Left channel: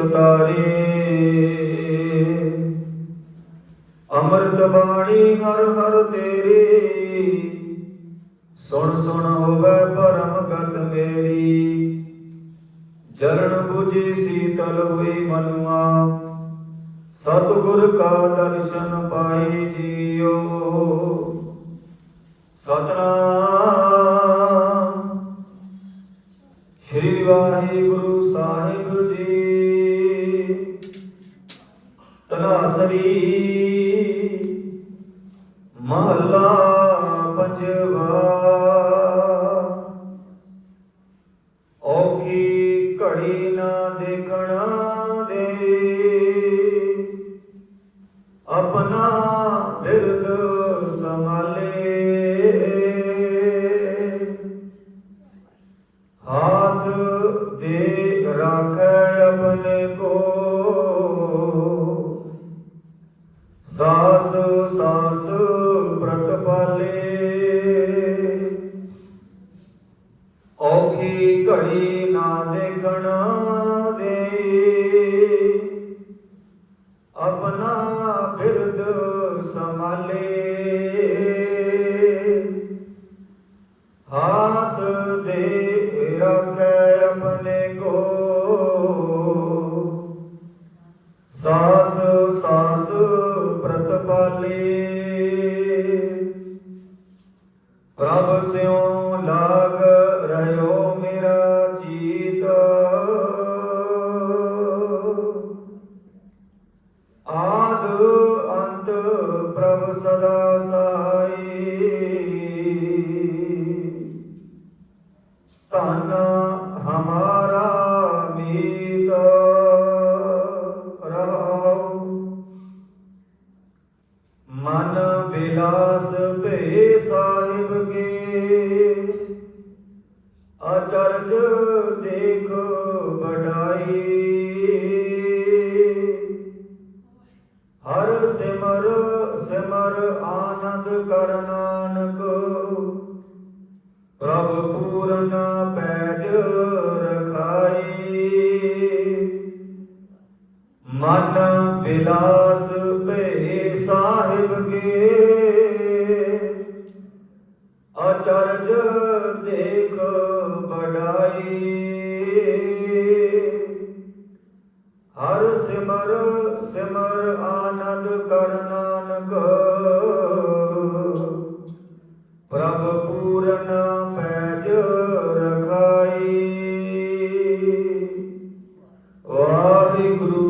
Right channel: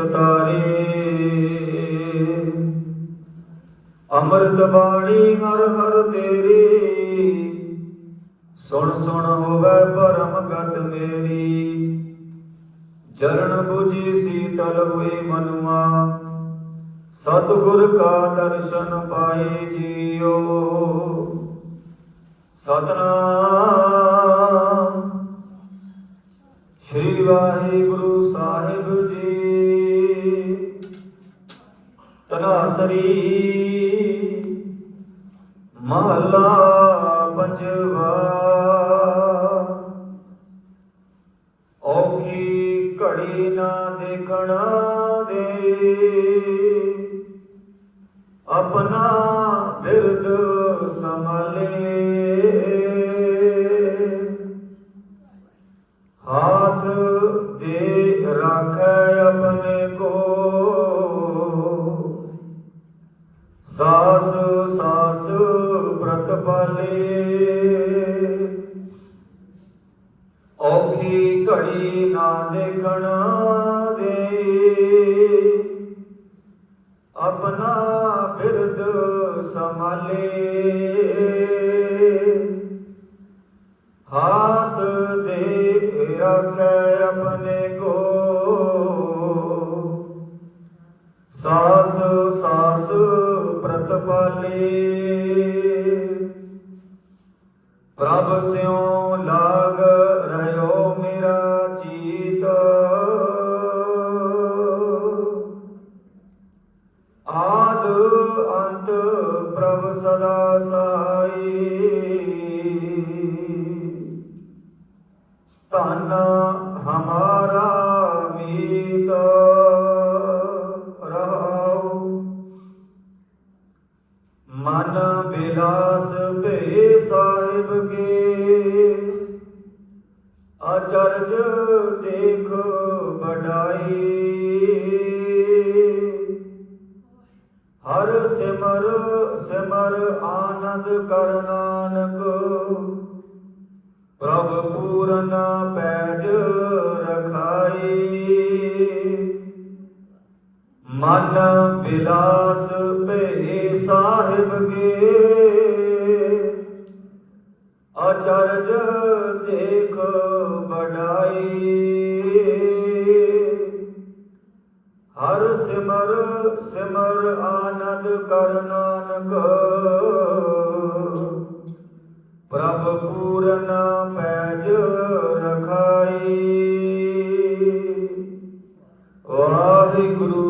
ਗੁਰੂ ਨਿਸਤਾਰੇ ਬਾਣੀ ਹਰ ਹਰ ਤੇਰੀ। ਸੁਣ ਸੁਣ ਹੋਵੇ ਪਰਮ ਗਤ ਮੇਰੀ। ਚਰਨ 부ਜੀ ਸੀਤਲ ਹੋਈ ਮਨੁਆ। ਸਤਿਗੁਰ ਕਾ ਦਰਸ਼ਨ ਪਾਏ ਜੀਓ। ਸਤਨਾਮ। ਸ਼੍ਰੀ ਵਾਹਿਗੁਰੂ ਸਾਹਿਬ ਜੀ ਤਨਾਸਰੀ ਮਹੱਲਾ ਪੰਜਵਾ। ਔਖੀ ਘੜੀ ਨਾ ਦੇਖਣਾ ਦੇ। ਆਪਣਾ ਬਿਰਦ ਸੰਭਾਲੇ। ਹਾਥ ਦੇ ਰੱਖੈ ਆਪਣੇ ਕੋ ਸਾਸ ਸਾਸ ਪ੍ਰਤਪਾਲੇ ਔਖੀ ਘੜੀ ਨਾ ਦੇਖਣਾ ਦੇ। ਆਪਣਾ ਬਿਰਦ ਸੰਭਾਲੇ। ਹਾਥ ਸਾਸ ਸਾਸ ਪ੍ਰਤਪਾਲੇ। ਪ੍ਰਭ ਸਿਉ ਲਾਗ ਰਹਿਓ ਮੇਰਾ ਚੀਤ। ਆਦ ਅੰਤ ਪ੍ਰਭ ਸਦਾ ਸਹਾਈ ਮਨ ਭੇ ਸਾਹਿਬ ਕੇ। ਅਚਰਜ ਦੇਖ ਵਡਾਈ। ਹਰ ਸਿਮਰ ਸਿਮਰ ਆਨੰਦ ਕਰ ਨਾਨਕ। ਪ੍ਰਭ ਪੂਰਨ ਪੈਜ ਰਖਾਈ। ਮਨ ਬਿਲਾਸ ਭੇ ਸਾਹਿਬ ਕੇ। ਅਚਰਜ ਦੇਖ ਬੜਾਈ ਹਰ ਸਿਮਰ ਸਿਮਰ ਆਨੰਦ ਕਰ ਨਾਨਕ। ਪ੍ਰਭ ਪੂਰਨ ਪੈਜ ਰਖਾਈ। ਵਾਹਿਗੁਰੂ